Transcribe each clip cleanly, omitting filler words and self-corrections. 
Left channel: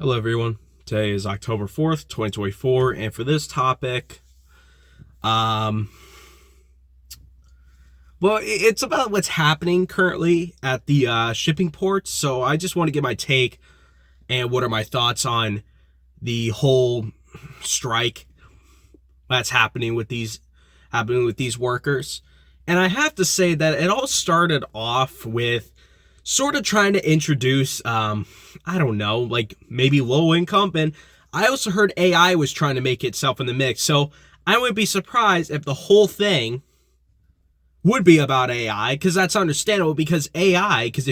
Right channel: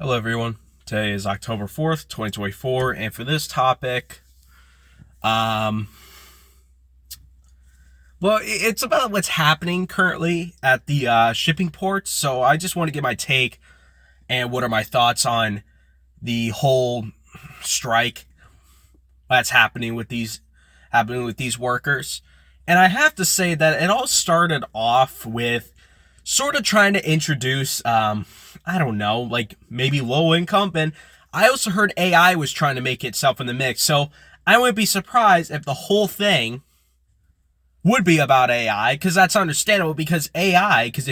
Hello everyone. Today is October 4th, 2024, and for this topic, um it's about what's happening currently at the shipping ports. So I just want to get my take and what are my thoughts on the whole strike that's happening with these workers. And I have to say that it all started off with sort of trying to introduce I don't know, like maybe low income, and I also heard AI was trying to make itself in the mix. So I wouldn't be surprised if the whole thing would be about AI, because that's understandable. Because AI, because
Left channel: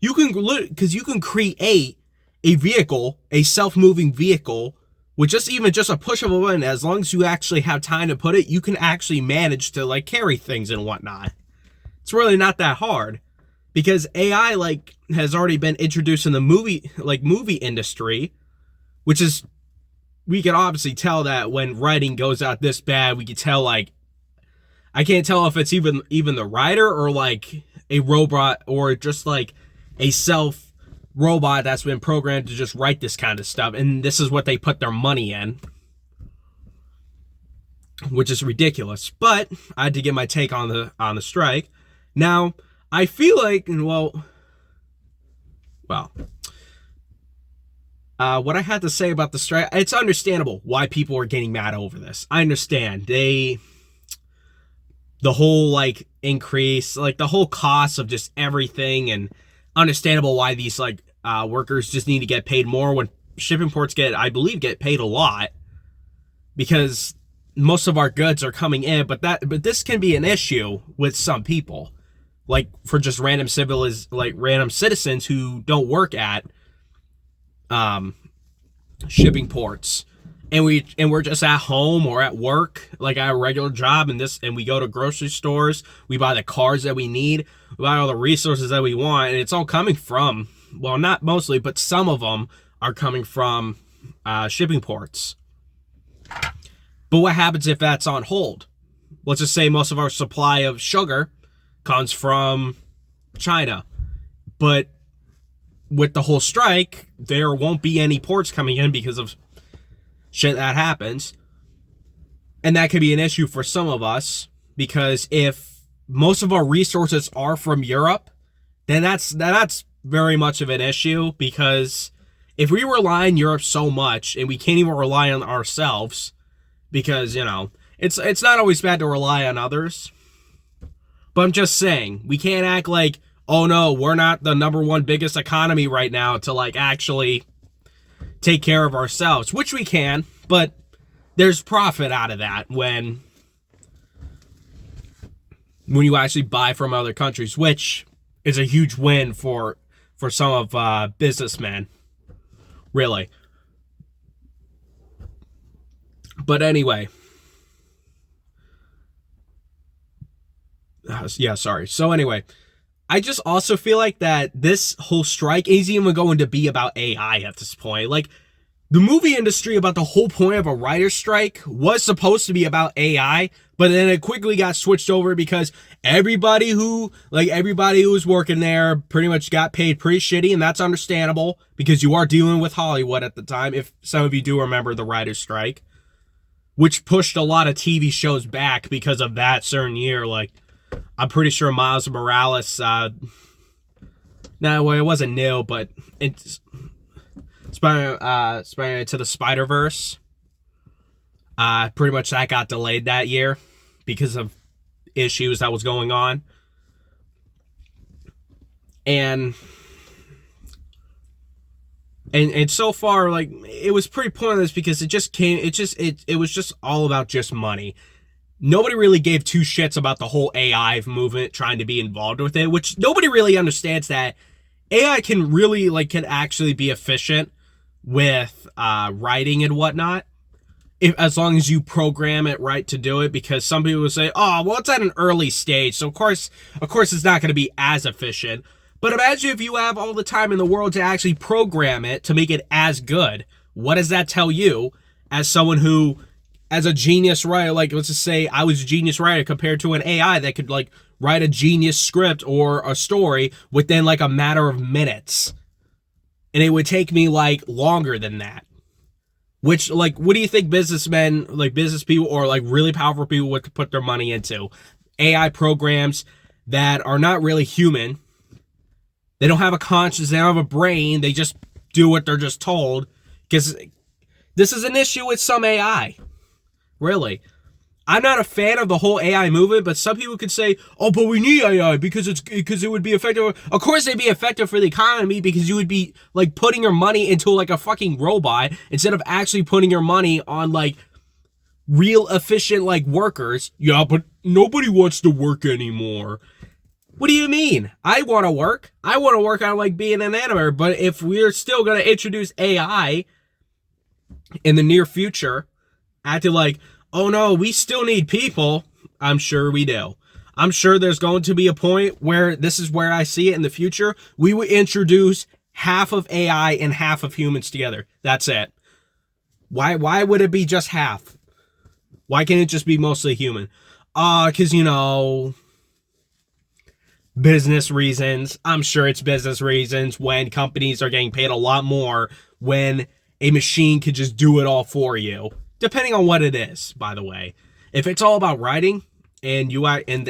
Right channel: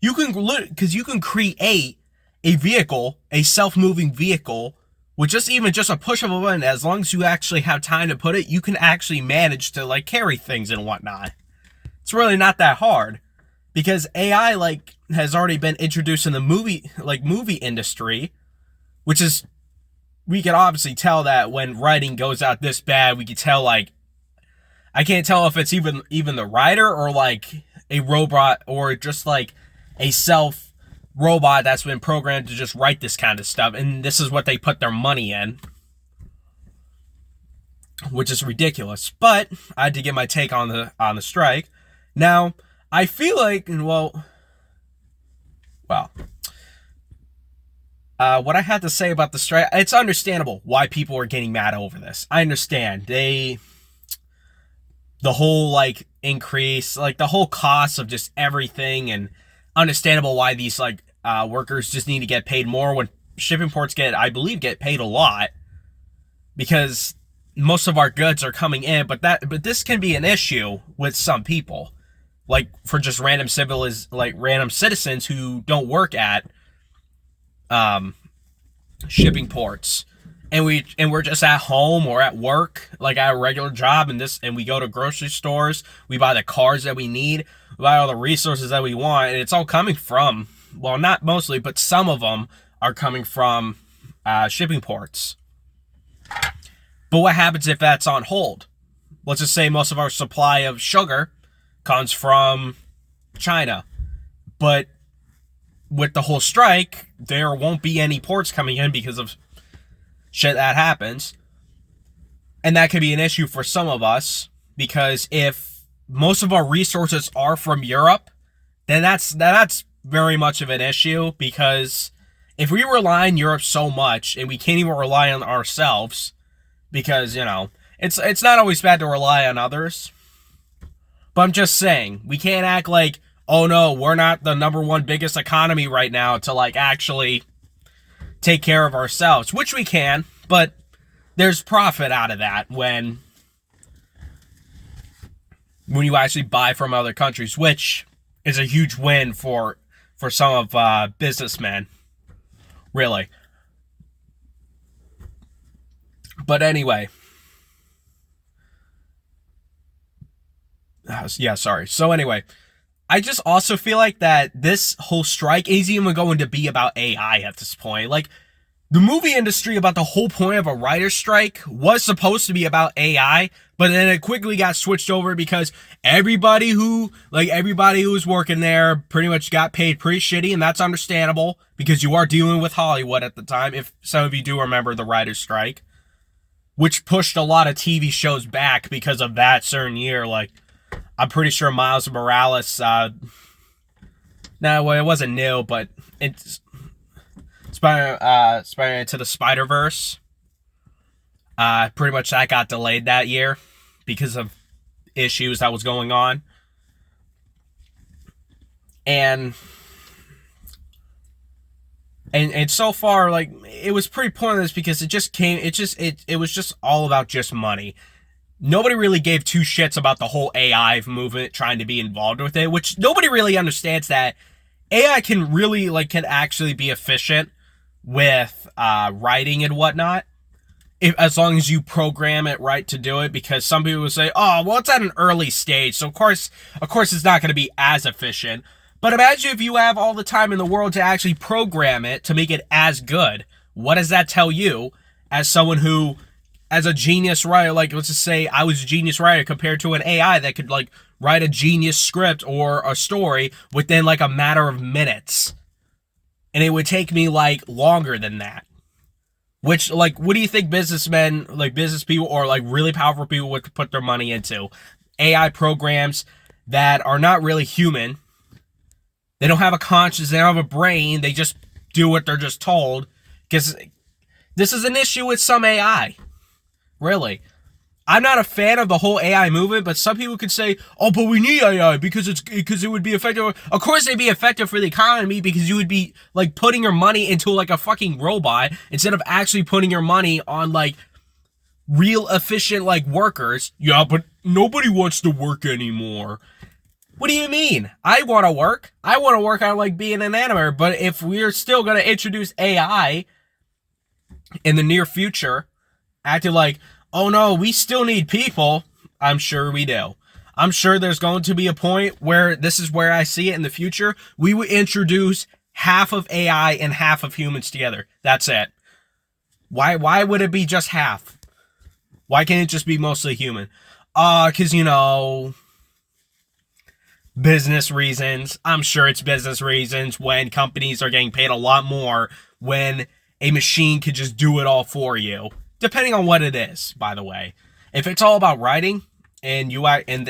you can create a vehicle, a self-moving vehicle, with just a push of a button. As long as you actually have time to put it, you can actually manage to like carry things and whatnot. It's really not that hard, because AI has already been introduced in the movie industry, which is, we can obviously tell that when writing goes out this bad, we can tell, like, I can't tell if it's even the writer or like a robot, or just like a self robot that's been programmed to just write this kind of stuff, and this is what they put their money in, which is ridiculous. But I had to get my take on the strike. Now, I feel like, what I had to say about the strike, it's understandable why people are getting mad over this. I understand. The whole, like, increase, like, the whole cost of just everything, and understandable why these, like, workers just need to get paid more, when shipping ports I believe, get paid a lot, because most of our goods are coming in, but this can be an issue with some people, like for just random citizens who don't work at shipping ports, and we're just at home or at work, like at a regular job, and we go to grocery stores, we buy the cars that we need, we buy all the resources that we want, and it's all coming from, well, not mostly, but some of them are coming from shipping ports. But what happens if that's on hold? Let's just say most of our supply of sugar comes from China, but with the whole strike, there won't be any ports coming in because of shit that happens. And that could be an issue for some of us, because if most of our resources are from Europe, then that's very much of an issue, because if we rely on Europe so much and we can't even rely on ourselves, because, it's not always bad to rely on others. But I'm just saying, we can't act like, oh no, we're not the number one biggest economy right now, to like actually take care of ourselves, which we can, but there's profit out of that when you actually buy from other countries, which is a huge win for some of businessmen, really. But anyway, yeah, sorry. So anyway, I just also feel like that this whole strike isn't even going to be about AI at this point. Like, the movie industry, about the whole point of a writer's strike, was supposed to be about AI, but then it quickly got switched over, because everybody who was working there pretty much got paid pretty shitty, and that's understandable, because you are dealing with Hollywood at the time, if some of you do remember the writer's strike, which pushed a lot of TV shows back because of that certain year. Like, I'm pretty sure Miles Morales, it wasn't new, but it's Spider-Man Into the Spider-Verse. Pretty much that got delayed that year because of issues that was going on. And so far, like, it was pretty pointless, because it was just all about just money. Nobody really gave two shits about the whole AI movement trying to be involved with it, which nobody really understands that AI can actually be efficient with writing and whatnot, as long as you program it right to do it. Because some people will say, oh, well, it's at an early stage, so of course it's not going to be as efficient. But imagine if you have all the time in the world to actually program it to make it as good. What does that tell you, as someone who, as a genius writer, like, let's just say I was a genius writer, compared to an AI that could, like, write a genius script or a story within, like, a matter of minutes? and it would take me like longer than that. Which, like, what do you think businessmen, like business people, or like really powerful people would put their money into? AI programs that are not really human. They don't have a conscience. They don't have a brain. They just do what they're just told. Because this is an issue with some AI. Really. I'm not a fan of the whole AI movement, but some people could say, "Oh, but we need AI because it would be effective." Of course, it'd be effective for the economy because you would be like putting your money into like a fucking robot instead of actually putting your money on like real efficient like workers. Yeah, but nobody wants to work anymore. What do you mean? I want to work. I want to work on like being an animator. But if we're still gonna introduce AI in the near future, acting like, oh no, we still need people. I'm sure we do. I'm sure there's going to be a point where this is where I see it in the future. We would introduce half of AI and half of humans together. That's it. Why would it be just half? Why can't it just be mostly human? Because, business reasons. I'm sure it's business reasons when companies are getting paid a lot more when a machine could just do it all for you. Depending on what it is, by the way. If it's all about writing and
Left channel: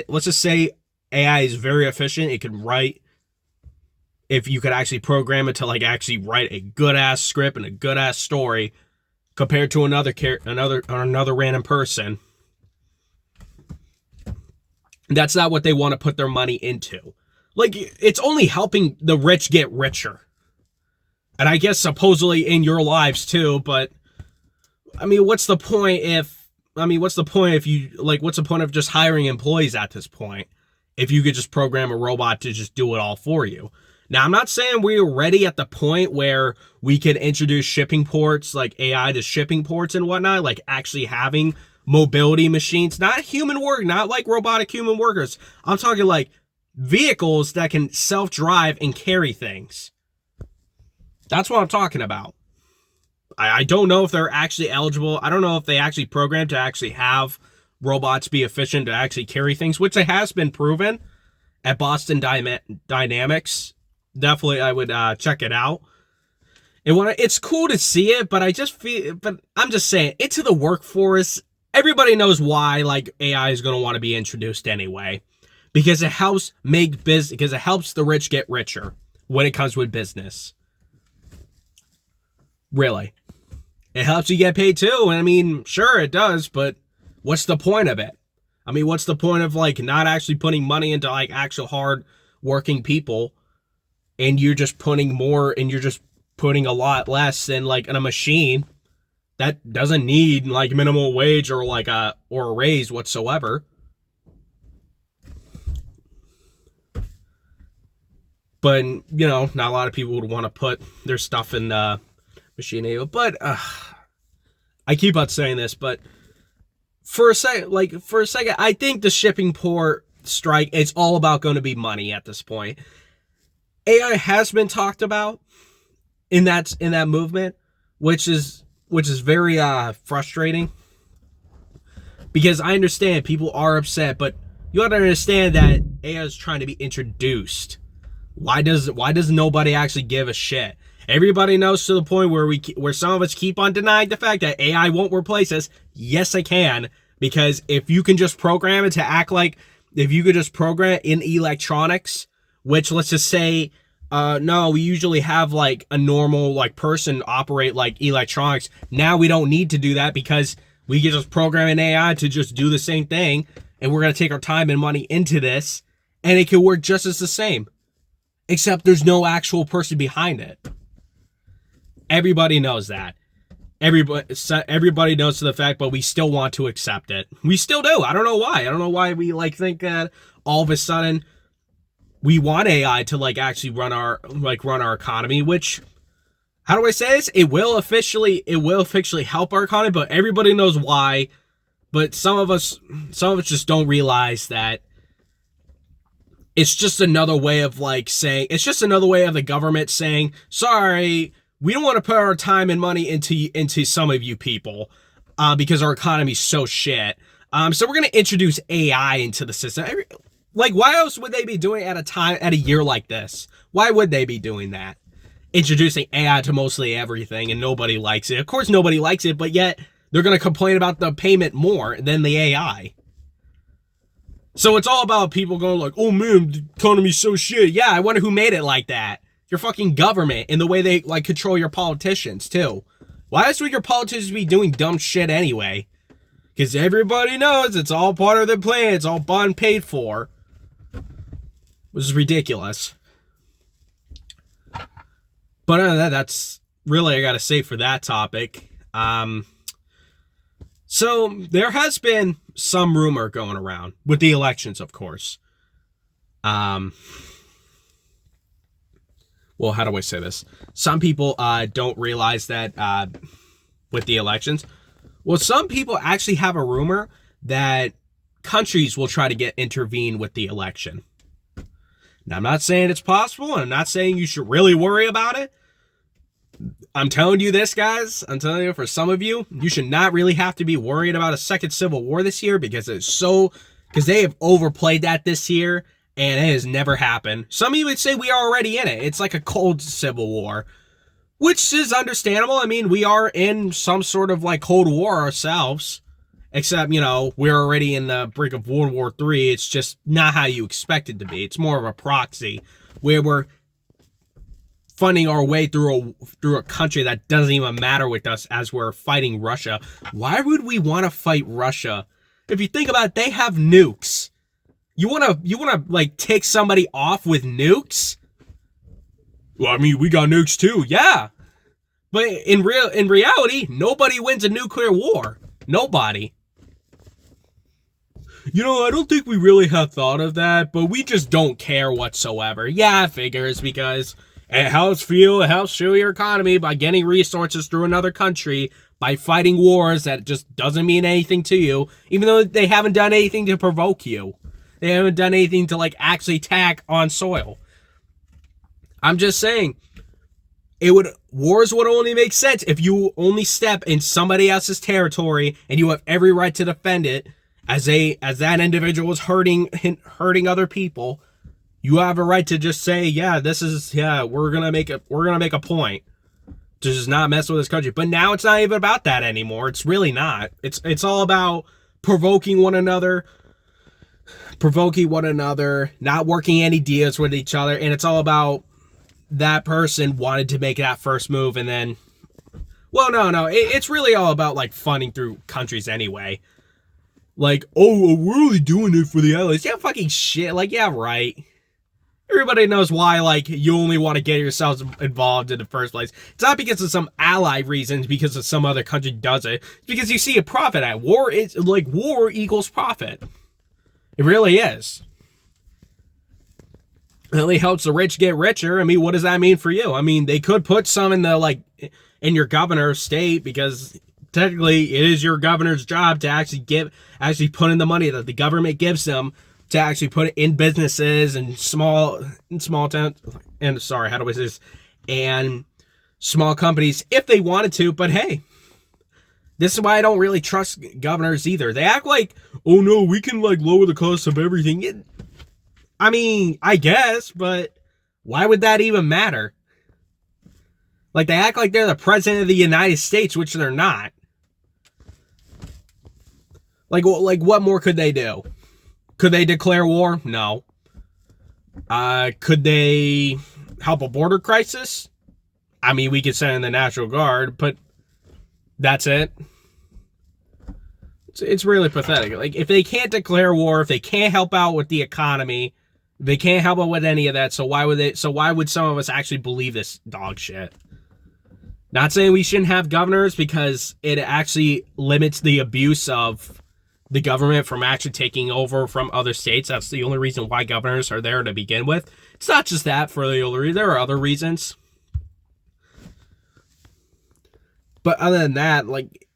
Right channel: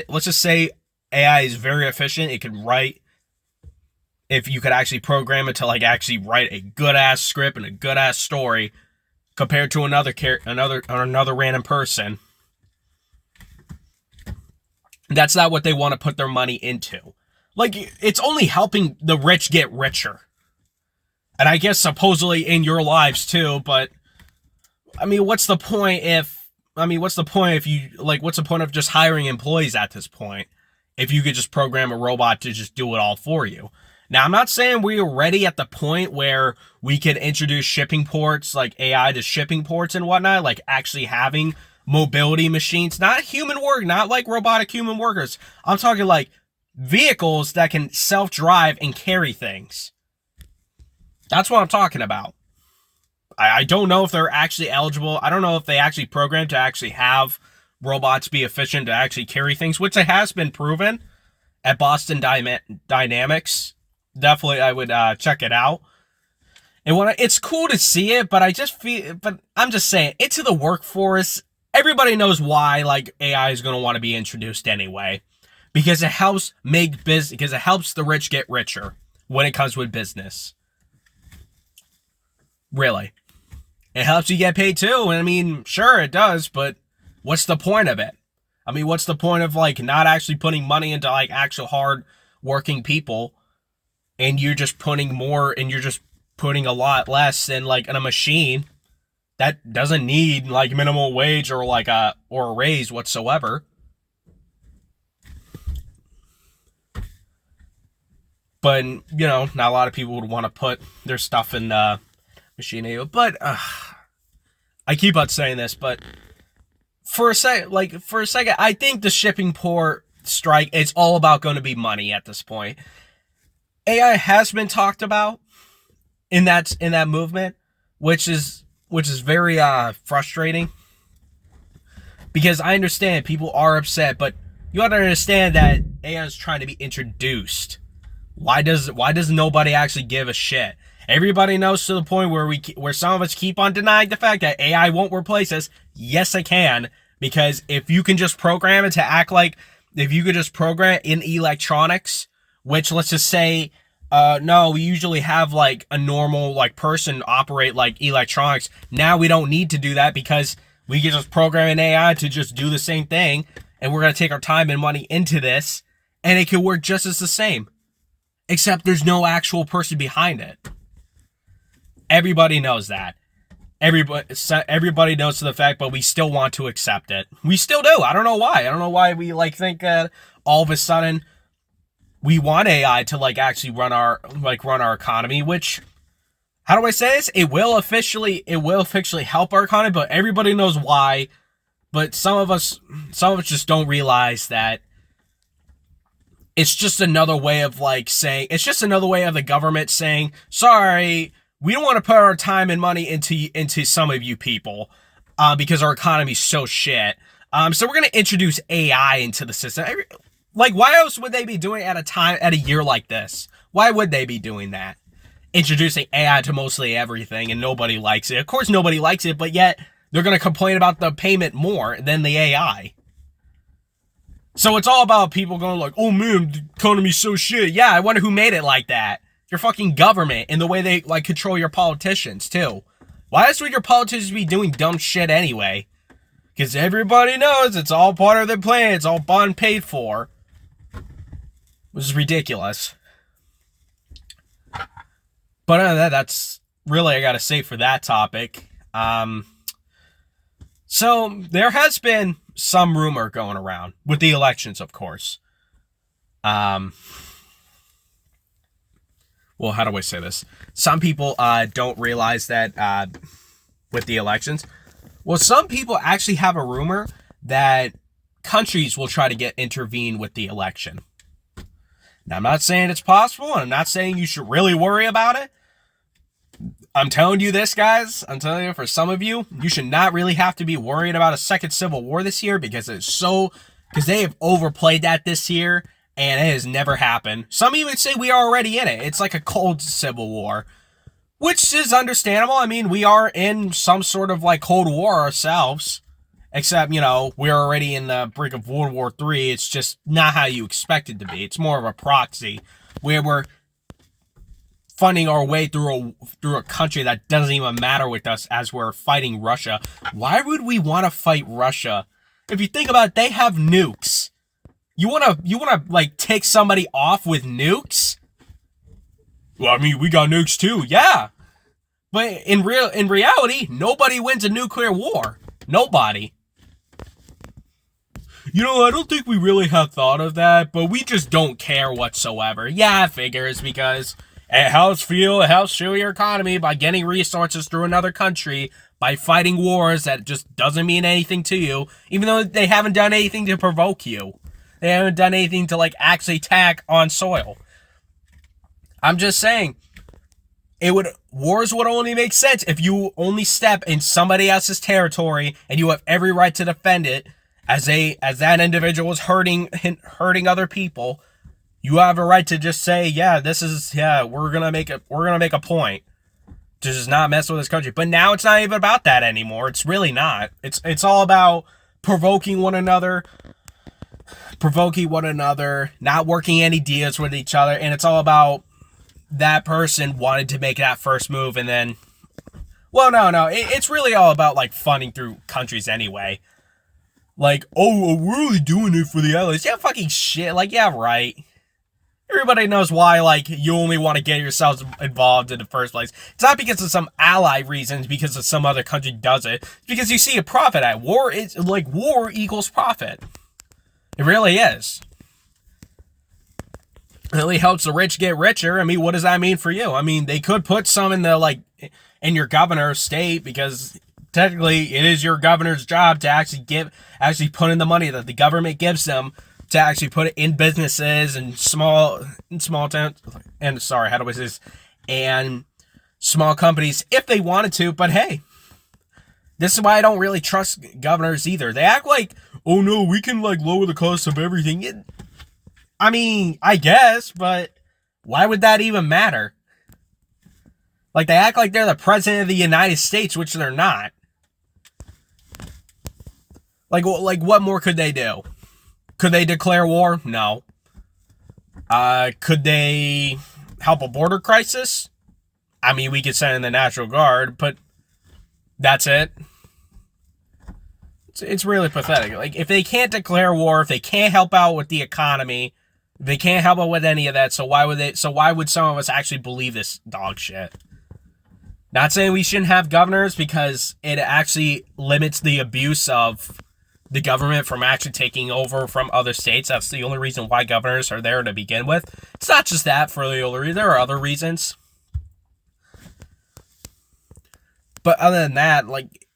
let's just say AI is very efficient, it could write. If you could actually program it to like actually write a good ass script and a good ass story compared to another random person, that's not what they want to put their money into. Like, it's only helping the rich get richer. And I guess supposedly in your lives too, but I mean, what's the point if you, like, what's the point of just hiring employees at this point? If you could just program a robot to just do it all for you. Now, I'm not saying we're ready at the point where we can introduce shipping ports, like AI to shipping ports and whatnot, like actually having mobility machines, not human work, not like robotic human workers. I'm talking like vehicles that can self-drive and carry things. That's what I'm talking about. I don't know if they're actually eligible. I don't know if they actually programmed to actually have robots be efficient to actually carry things, which it has been proven at Boston Dynamics. Definitely, I would check it out. And it's cool to see it, but I'm just saying, into the workforce, everybody knows why like AI is going to want to be introduced anyway, because it helps because it helps the rich get richer when it comes with business. Really. It helps you get paid too. And I mean, sure it does, but what's the point of it? I mean, what's the point of like not actually putting money into like actual hard working people, and you're just putting more and you're just putting a lot less than like in a machine that doesn't need like minimum wage or like a raise whatsoever. But not a lot of people would want to put their stuff in the machine. But I keep on saying this, but for a second, I think the shipping port strike, it's all about going to be money at this point. AI has been talked about in that movement, which is very frustrating, because I understand people are upset, but you have to understand that AI is trying to be introduced. Why does nobody actually give a shit? Everybody knows, to the point where some of us keep on denying the fact that AI won't replace us. Yes, it can, because if you can just program it to act like, if you could just program in electronics, which let's just say, no, we usually have like a normal like person operate like electronics. Now we don't need to do that because we can just program an AI to just do the same thing, and we're going to take our time and money into this, and it can work just as the same, except there's no actual person behind it. Everybody knows that. Everybody knows the fact, but we still want to accept it. We still do. I don't know why. I don't know why we like think that all of a sudden we want AI to like actually run our economy, which, how do I say this? It will officially help our economy, but everybody knows why. But some of us just don't realize that it's just another way of like saying, it's just another way of the government saying, sorry, we don't want to put our time and money into some of you people, because our economy's so shit. So we're gonna introduce AI into the system. Like, why else would they be doing it at a year like this? Why would they be doing that? introducing AI to mostly everything, and nobody likes it. Of course, nobody likes it, but yet they're going to complain about the payment more than the AI. So it's all about people going like, oh man, the economy's so shit. Yeah, I wonder who made it like that. Your fucking government and the way they like control your politicians too. Why else would your politicians be doing dumb shit anyway? Because everybody knows it's all part of their plan. It's all bought and paid for. Which is ridiculous. But other than that, that's really I gotta say for that topic. So there has been some rumor going around with the elections, of course. Well, how do I say this? Some people don't realize that with the elections. Well, some people actually have a rumor that countries will try to intervene with the election. Now, I'm not saying it's possible, and I'm not saying you should really worry about it. I'm telling you this, guys. I'm telling you, for some of you, you should not really have to be worried about a second civil war this year because they have overplayed that this year, and it has never happened. Some even say we are already in it. It's like a cold civil war, which is understandable. I mean, we are in some sort of like Cold War ourselves, except, you know, we're already in the brink of World War III. It's just not how you expect it to be. It's more of a proxy where we're funding our way through a country that doesn't even matter with us as we're fighting Russia. Why would we want to fight Russia? If you think about it, they have nukes. You wanna like take somebody off with nukes? Well, I mean, we got nukes too. Yeah. But in reality, nobody wins a nuclear war. Nobody. You know, I don't think we really have thought of that, but we just don't care whatsoever. Yeah, it figures because it helps fuel your economy by getting resources through another country, by fighting wars that just doesn't mean anything to you, even though they haven't done anything to provoke you. They haven't done anything to, like, actually attack on soil. I'm just saying, wars would only make sense if you only step in somebody else's territory and you have every right to defend it as that individual is hurting other people. You have a right to just say, we're gonna make a point to just not mess with this country. But now it's not even about that anymore. It's really not. It's all about provoking one another, not working any deals with each other, and it's all about that person wanted to make that first move, and then, well, no, it's really all about like funding through countries anyway. Like, oh, we're only doing it for the allies. Yeah, fucking shit. Like, yeah, right. Everybody knows why, like, you only want to get yourselves involved in the first place. It's not because of some ally reasons, because of some other country does it. It's because you see a profit at war. It's like war equals profit. It really is. It only helps the rich get richer. I mean, what does that mean for you? I mean, they could put some in in your governor's state, because technically it is your governor's job to actually put in the money that the government gives them to actually put it in businesses and small towns, and sorry, how do I say this? And small companies if they wanted to, but hey, this is why I don't really trust governors either. They act like, oh no, we can like lower the cost of everything. I mean, I guess, but why would that even matter? Like, they act like they're the president of the United States, which they're not. Like what more could they do? Could they declare war? No. Could they help a border crisis? I mean, we could send in the National Guard, but that's it. It's really pathetic. Like, if they can't declare war, if they can't help out with the economy, they can't help out with any of that, so why would some of us actually believe this dog shit? Not saying we shouldn't have governors, because it actually limits the abuse of the government from actually taking over from other states. That's the only reason why governors are there to begin with. It's not just that for the only reason. There are other reasons. But other than that, like,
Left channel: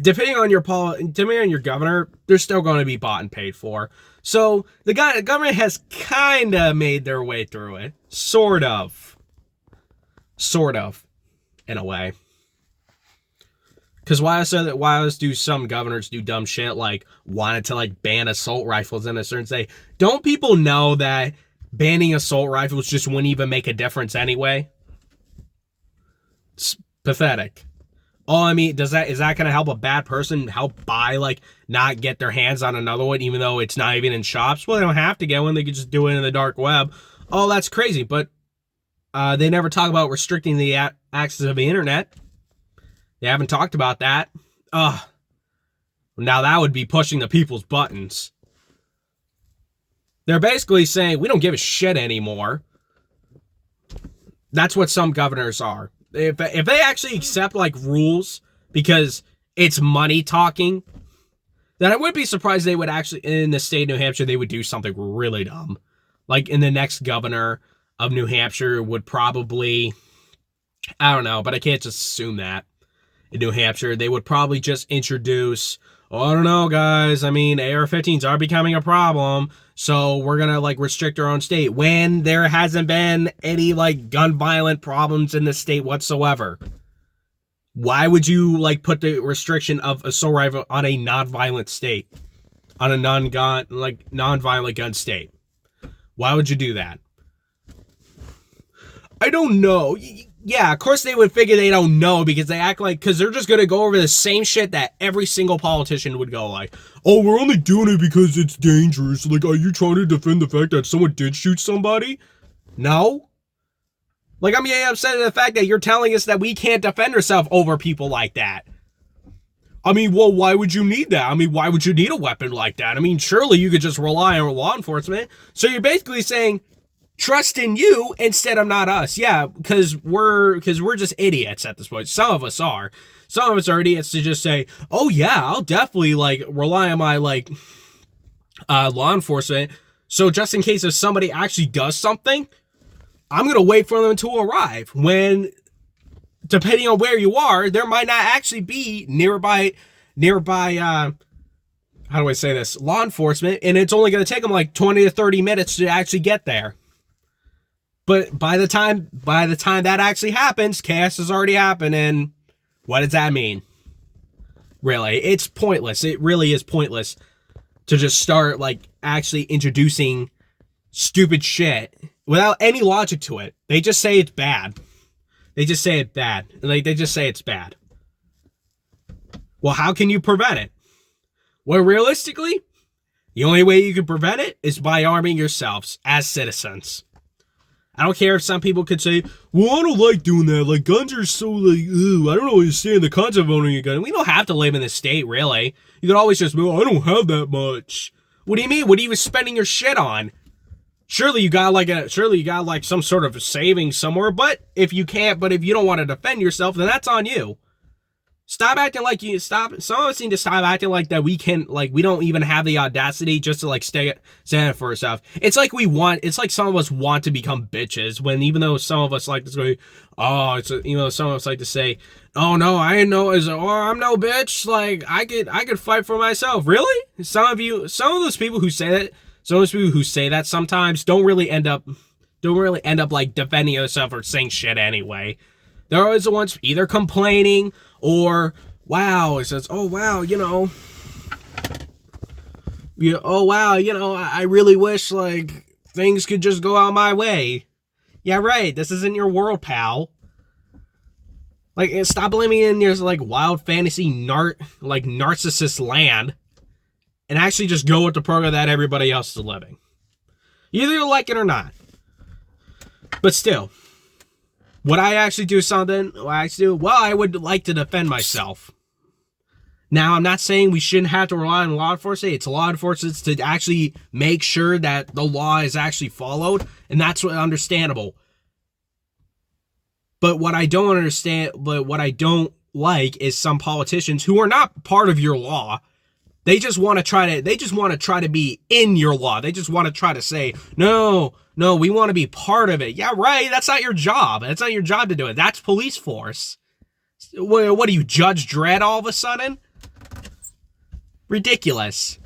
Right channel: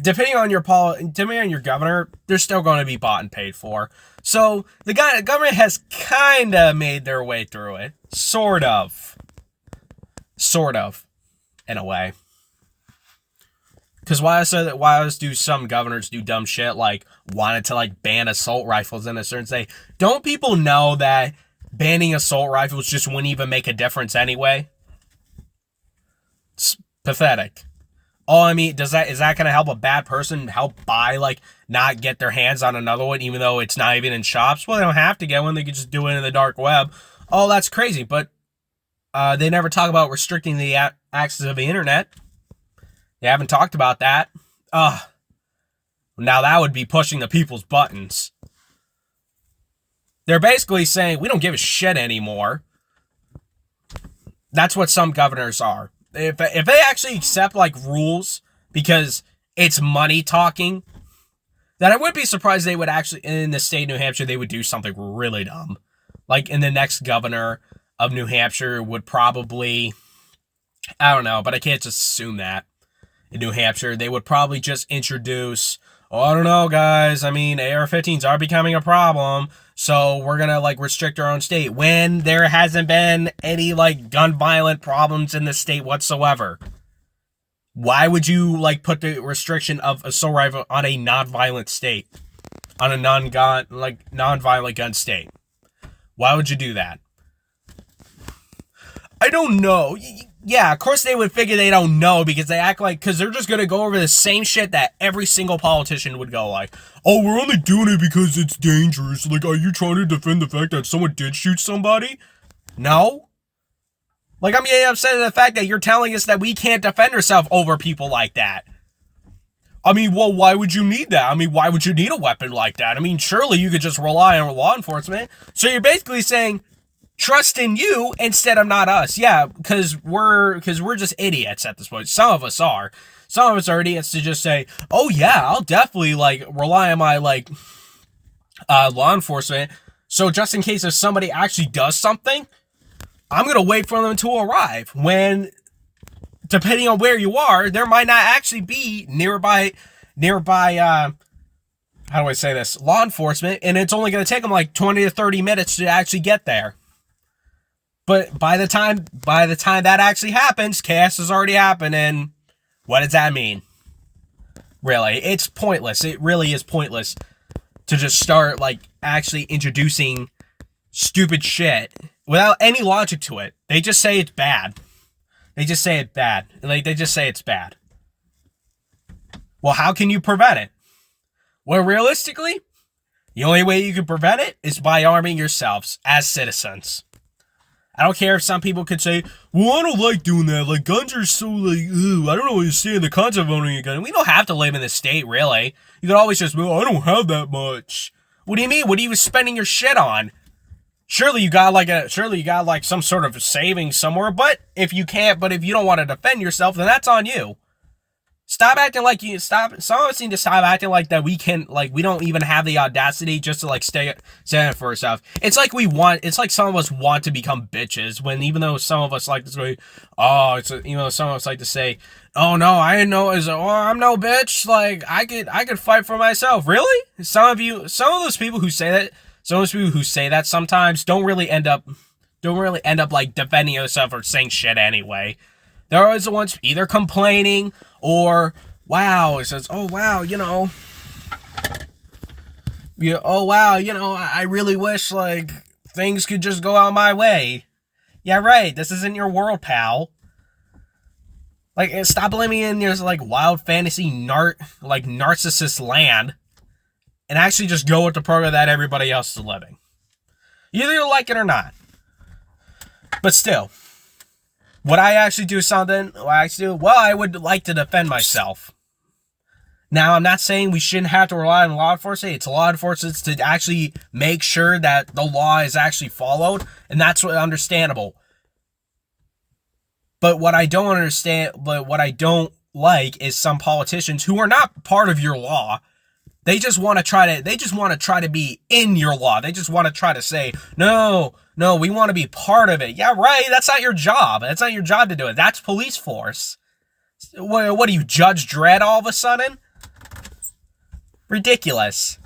depending on your governor, they're still going to be bought and paid for. So the government has kind of made their way through it. Sort of, in a way. Because why else do some governors do dumb shit like wanted to like ban assault rifles in a certain state? Don't people know that banning assault rifles just wouldn't even make a difference anyway? Pathetic. Oh, I mean, is that going to help a bad person help buy, like, not get their hands on another one, even though it's not even in shops? Well, they don't have to get one. They could just do it in the dark web. Oh, that's crazy. But they never talk about restricting the access of the internet. They haven't talked about that. Now that would be pushing the people's buttons. They're basically saying, we don't give a shit anymore. That's what some governors are. If they actually accept, like, rules because it's money talking, then I would be surprised they would actually, in the state of New Hampshire, they would do something really dumb. Like, in the next governor of New Hampshire would probably, I don't know, but I can't just assume that. In New Hampshire, they would probably just introduce, oh, I don't know, guys, I mean, AR-15s are becoming a problem, so we're gonna, like, restrict our own state, when there hasn't been any, like, gun violent problems in the state whatsoever. Why would you, like, put the restriction of assault rifle on a non-violent state? On a non-violent gun state? Why would you do that? I don't know. Yeah, of course they would figure they don't know because they act like, because they're just going to go over the same shit that every single politician would go like, oh, we're only doing it because it's dangerous. Like, are you trying to defend the fact that someone did shoot somebody? No. Like, I'm getting upset at the fact that you're telling us that we can't defend ourselves over people like that. I mean, well, why would you need that? I mean, why would you need a weapon like that? I mean, surely you could just rely on law enforcement. So you're basically saying, trust in you instead of not us. Yeah, because we're just idiots at this point. Some of us are. Some of us are idiots to just say, oh yeah, I'll definitely, like, rely on my, like, law enforcement. So just in case if somebody actually does something, I'm going to wait for them to arrive. When, depending on where you are, there might not actually be nearby, how do I say this? Law enforcement. And it's only going to take them like 20 to 30 minutes to actually get there. But by the time that actually happens, chaos has already happened, and what does that mean? Really, it's pointless. It really is pointless to just start, like, actually introducing stupid shit without any logic to it. They just say it's bad. They just say it's bad. Like, they just say it's bad. Well, how can you prevent it? Well, realistically, the only way you can prevent it is by arming yourselves as citizens. I don't care if some people could say, well, I don't like doing that. Like, guns are so, like, ew, I don't understand the concept of owning a gun. We don't have to live in the state, really. You could always just move, I don't have that much. What do you mean? What are you spending your shit on? Surely you got like some sort of savings somewhere, but if you don't want to defend yourself, then that's on you. Some of us need to stop acting like that we don't even have the audacity just to, like, stand up for ourselves. It's like some of us want to become bitches, when even though some of us like to say, some of us like to say, oh no, I'm no bitch, like, I could fight for myself. Really? Some of those people who say that, sometimes don't really end up like defending yourself or saying shit anyway. They're always the ones either complaining or, wow, it says, oh wow, I really wish, like, things could just go out my way. Yeah, right, this isn't your world, pal. Like, stop living in your, like, wild fantasy narcissist land and actually just go with the program that everybody else is living. Either you like it or not. But still, would I actually do something? Well, I would like to defend myself. Now, I'm not saying we shouldn't have to rely on law enforcement. It's law enforcement to actually make sure that the law is actually followed, and that's understandable. But what I don't like is some politicians who are not part of your law. They just want to try to be in your law. They just want to try to say, no, we want to be part of it. Yeah, right. That's not your job. That's not your job to do it. That's police force. What are you, Judge Dredd all of a sudden? Ridiculous.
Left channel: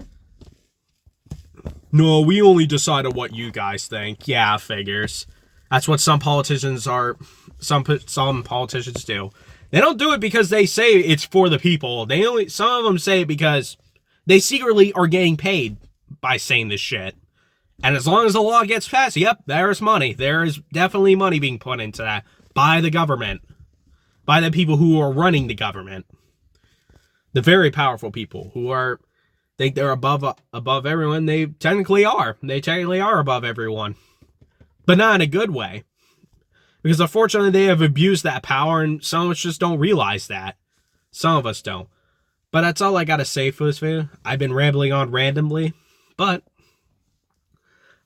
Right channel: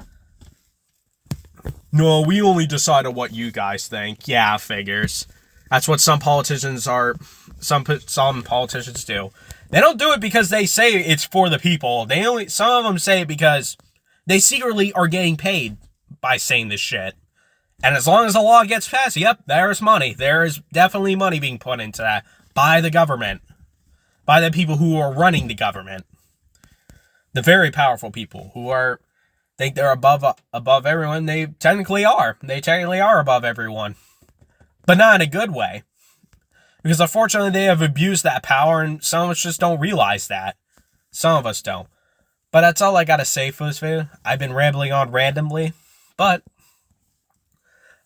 No, we only decide on what you guys think. Yeah, figures. That's what some politicians do. They don't do it because they say it's for the people. Some of them say it because they secretly are getting paid by saying this shit. And as long as the law gets passed, yep, there's money. There is definitely money being put into that by the government. by the people who are running the government. The very powerful people who think they're above everyone. They technically are. They technically are above everyone. But not in a good way. Because unfortunately they have abused that power, and some of us just don't realize that. Some of us don't. But that's all I gotta say for this video. I've been rambling on randomly. But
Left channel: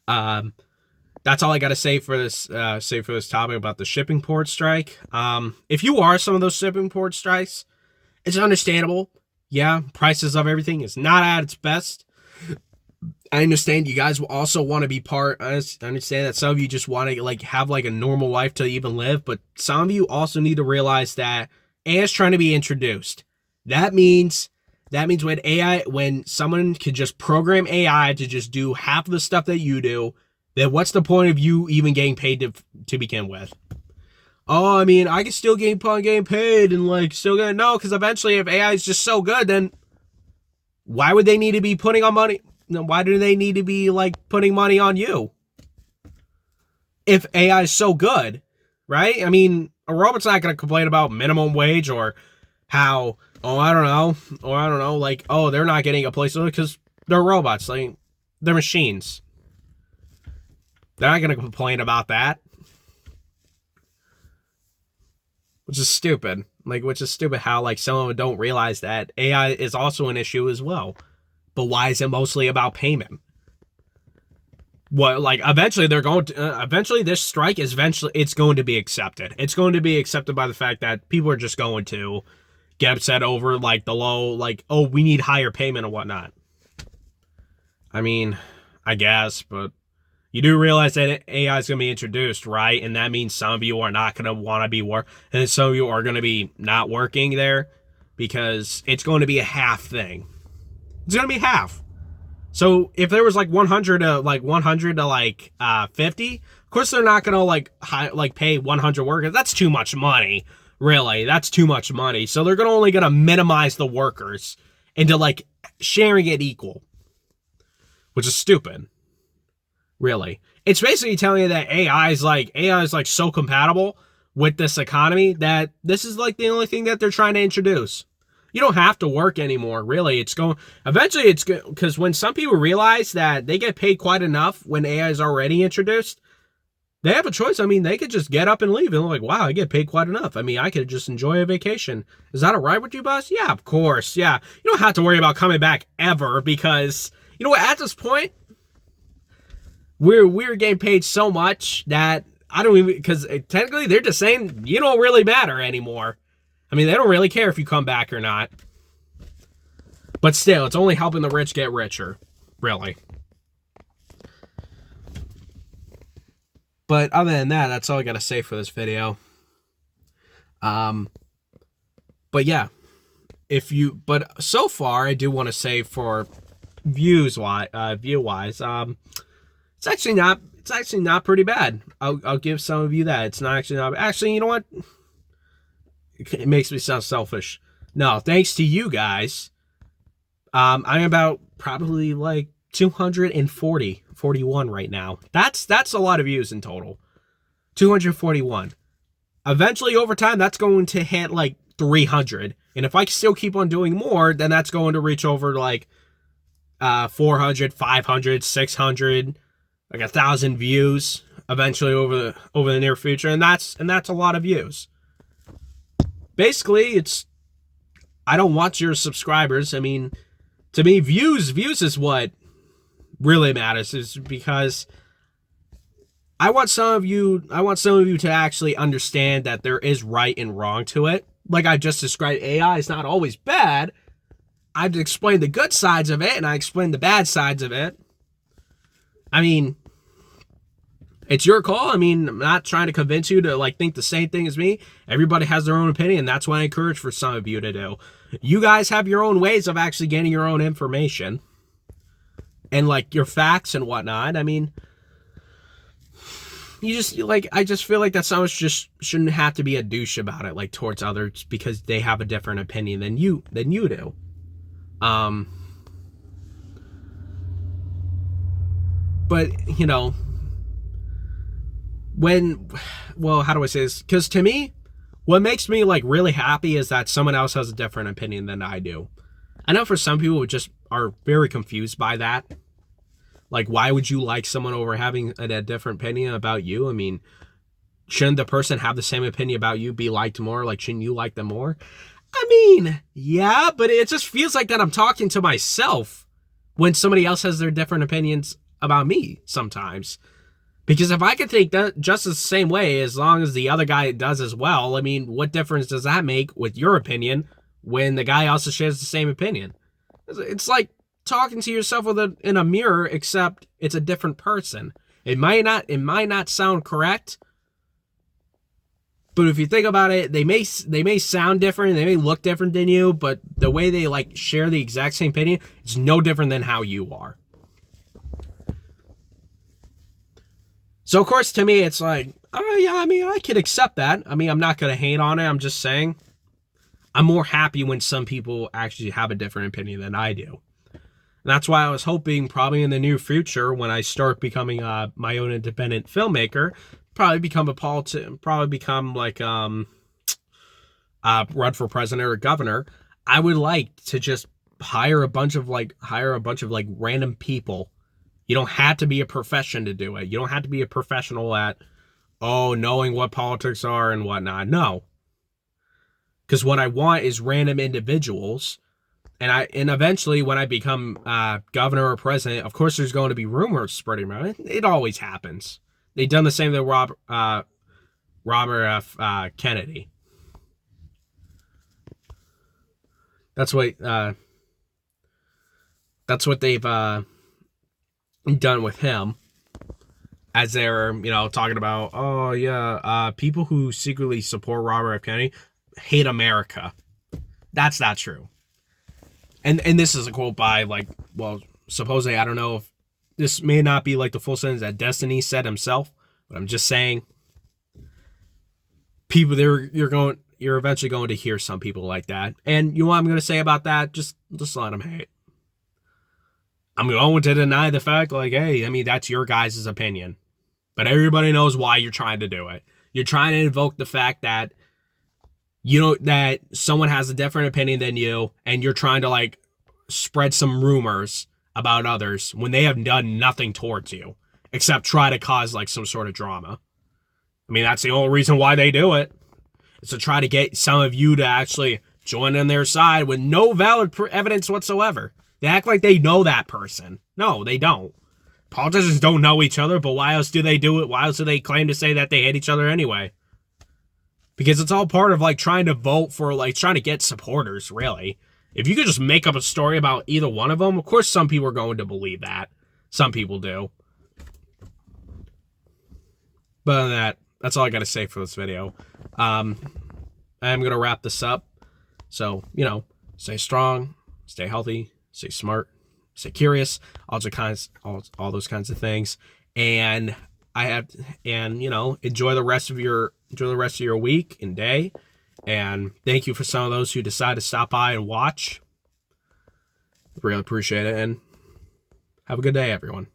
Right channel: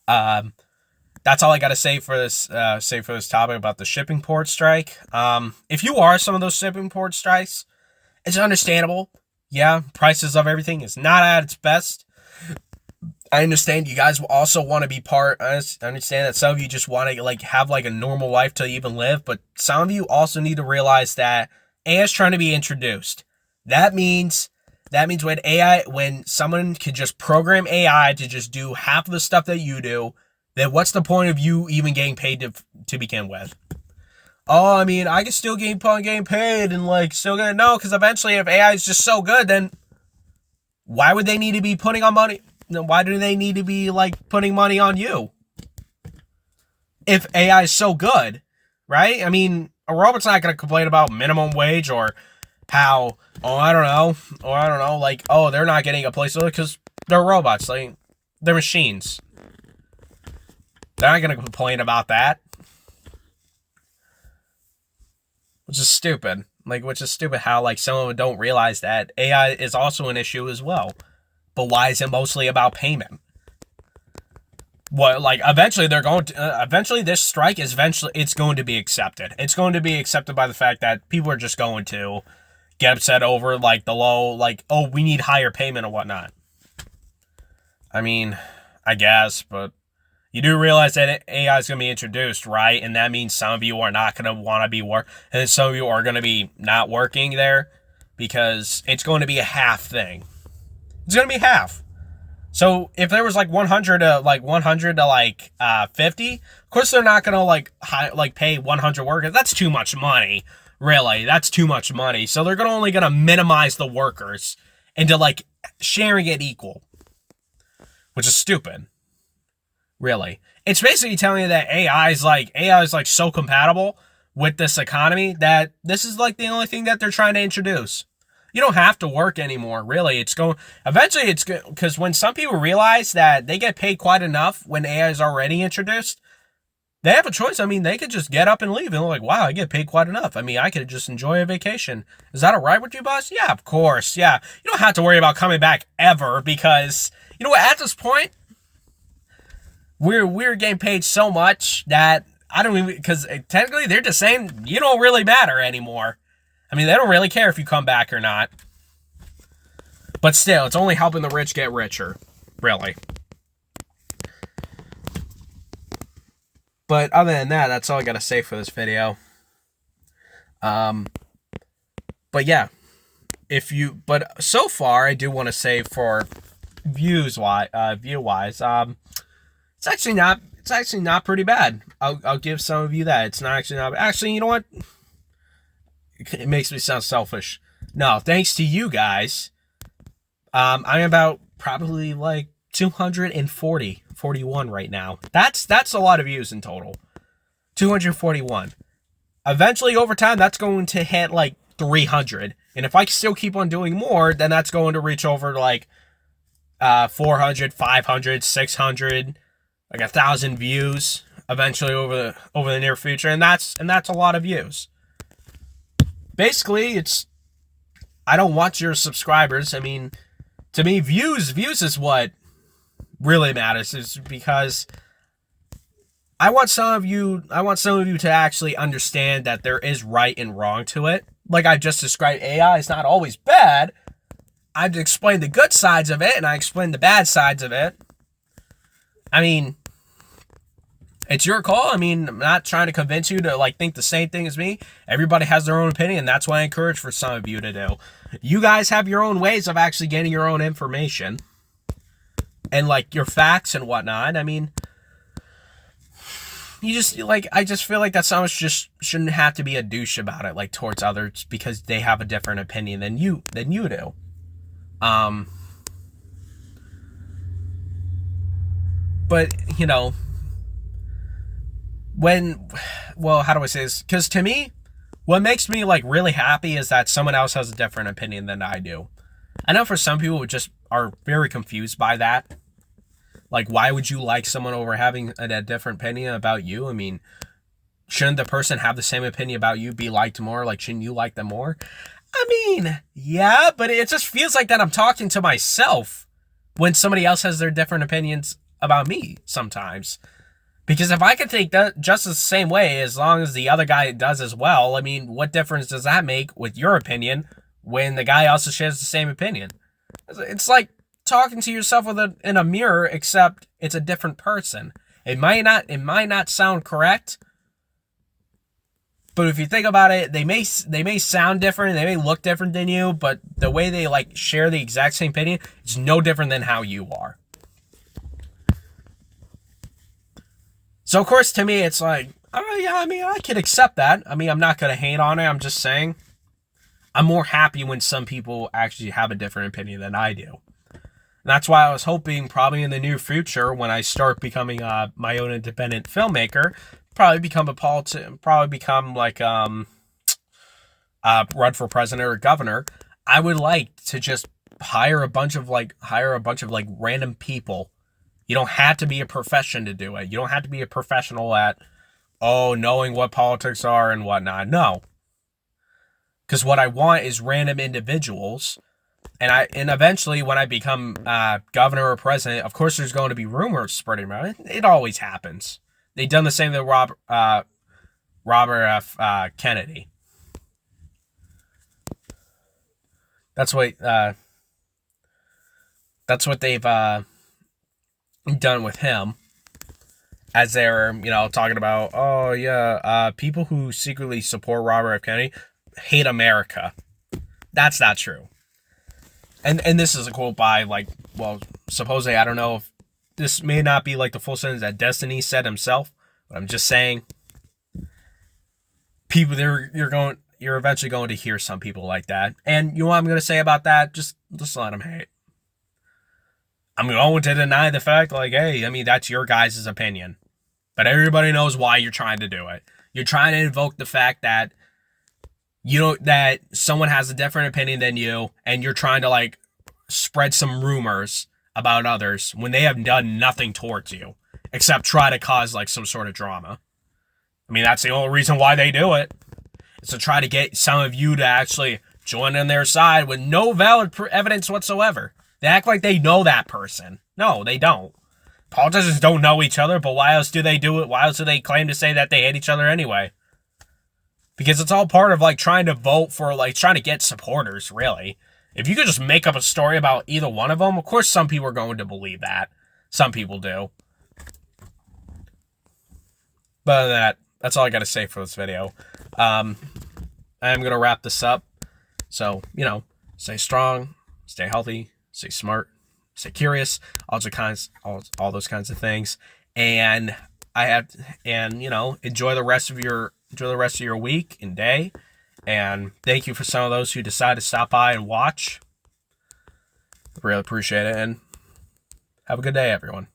that's all I gotta say for this topic about the shipping port strike. If you are some of those shipping port strikes, it's understandable. Yeah, prices of everything is not at its best. I understand you guys will also want to be part. I understand that some of you just want to have a normal life to even live, but some of you also need to realize that AI is trying to be introduced. That means when someone can just program AI to just do half of the stuff that you do, then what's the point of you even getting paid to begin with? Oh, I mean, I can still keep on getting paid and still gonna no, because eventually if AI is just so good, then why would they need to be putting on money? Why do they need to be putting money on you? If AI is so good, right? I mean, a robot's not gonna complain about minimum wage or how I don't know, oh, they're not getting a place to live because they're robots, they're machines. They're not gonna complain about that. Which is stupid. Which is stupid how some of them don't realize that AI is also an issue as well. But why is it mostly about payment? What, eventually they're going to, eventually this strike is it's going to be accepted. It's going to be accepted by the fact that people are just going to get upset over the low, oh, we need higher payment and whatnot. I mean, I guess, but you do realize that AI is going to be introduced, right? And that means some of you are not going to want to be and some of you are going to be not working there because it's going to be a half thing. It's going to be half. So if there was 100 to 50, of course they're not going to pay 100 workers. That's too much money. Really, that's too much money. So they're only going to minimize the workers into sharing it equal, which is stupid. Really, it's basically telling you that AI is so compatible with this economy that this is the only thing that they're trying to introduce. You don't have to work anymore, really. Eventually it's good, because when some people realize that they get paid quite enough when AI is already introduced, they have a choice. I mean, they could just get up and leave, and they're wow, I get paid quite enough. I mean, I could just enjoy a vacation. Is that all right with you, boss? Yeah, of course. Yeah, you don't have to worry about coming back ever, because you know what? At this point, we're getting paid so much that I don't even, because technically they're just saying you don't really matter anymore. I mean, they don't really care if you come back or not. But still, it's only helping the rich get richer. Really. But other than that, that's all I gotta say for this video. But yeah. But so far, I do want to say for view wise, it's actually not pretty bad. I'll give some of you that. It's not actually not. Actually, you know what? It makes me sound selfish. No, thanks to you guys, I'm about probably 241 right now. That's a lot of views in total. 241. Eventually, over time, that's going to hit 300. And if I still keep on doing more, then that's going to reach over 400, 500, 600, 1,000 views eventually over the near future, and that's a lot of views. Basically, I don't want your subscribers. I mean, to me, views is what really matters, is because I want some of you to actually understand that there is right and wrong to it. Like I just described, AI is not always bad. I've explained the good sides of it, and I explained the bad sides of it. I mean, it's your call. I mean, I'm not trying to convince you to think the same thing as me. Everybody has their own opinion. That's what I encourage for some of you to do. You guys have your own ways of actually getting your own information and your facts and whatnot. I mean, you just I just feel that someone just shouldn't have to be a douche about it towards others because they have a different opinion than you do. But you know, how do I say this? Because to me, What makes me like really happy is that someone else has a different opinion than I do. I know for some people who just are very confused by that. Like, why would you like someone over having a different opinion about you? I mean, shouldn't the person have the same opinion about you be liked more? Like, shouldn't you like them more? I mean, yeah, but it just feels like that I'm talking to myself when somebody else has their different opinions about me sometimes. Because if I can think that just the same way as long as the other guy does as well, I mean, what difference does that make with your opinion when the guy also shares the same opinion? It's like talking to yourself in a mirror, except it's a different person. It might not sound correct, but if you think about it, they may sound different, they may look different than you, but the way they like share the exact same opinion is no different than how you are. So of course, to me, it's like, oh yeah, I mean, I can accept that. I mean, I'm not gonna hate on it. I'm just saying, I'm more happy when some people actually have a different opinion than I do. And that's why I was hoping probably in the near future, when I start becoming my own independent filmmaker, probably become like run for president or governor. I would like to just hire a bunch of random people. You don't have to be a profession to do it. You don't have to be a professional at knowing what politics are and whatnot. No. Because what I want is random individuals. And eventually when I become governor or president, of course there's going to be rumors spreading around. It always happens. They've done the same to Robert F. Kennedy. That's what they've done with him, as they're talking about people who secretly support Robert F. Kennedy hate America. That's not true. And this is a quote by supposedly, I don't know if this may not be like the full sentence that Destiny said himself, but I'm just saying, people you're eventually going to hear some people like that. And you know what I'm going to say about that? Just let them hate. I'm going to deny the fact, hey, I mean, that's your guys' opinion. But everybody knows why you're trying to do it. You're trying to invoke the fact that that someone has a different opinion than you, and you're trying to spread some rumors about others when they have done nothing towards you except try to cause some sort of drama. I mean, that's the only reason why they do it. It's to try to get some of you to actually join in their side with no valid evidence whatsoever. They act like they know that person. No, they don't. Politicians don't know each other, but why else do they do it? Why else do they claim to say that they hate each other anyway? Because it's all part of trying to vote for trying to get supporters, really. If you could just make up a story about either one of them, of course some people are going to believe that. Some people do. But other than that's all I got to say for this video. I'm going to wrap this up. So, stay strong, stay healthy, stay smart, stay curious, all those kinds of things. And enjoy the rest of your week and day. And thank you for some of those who decide to stop by and watch. Really appreciate it. And have a good day, everyone.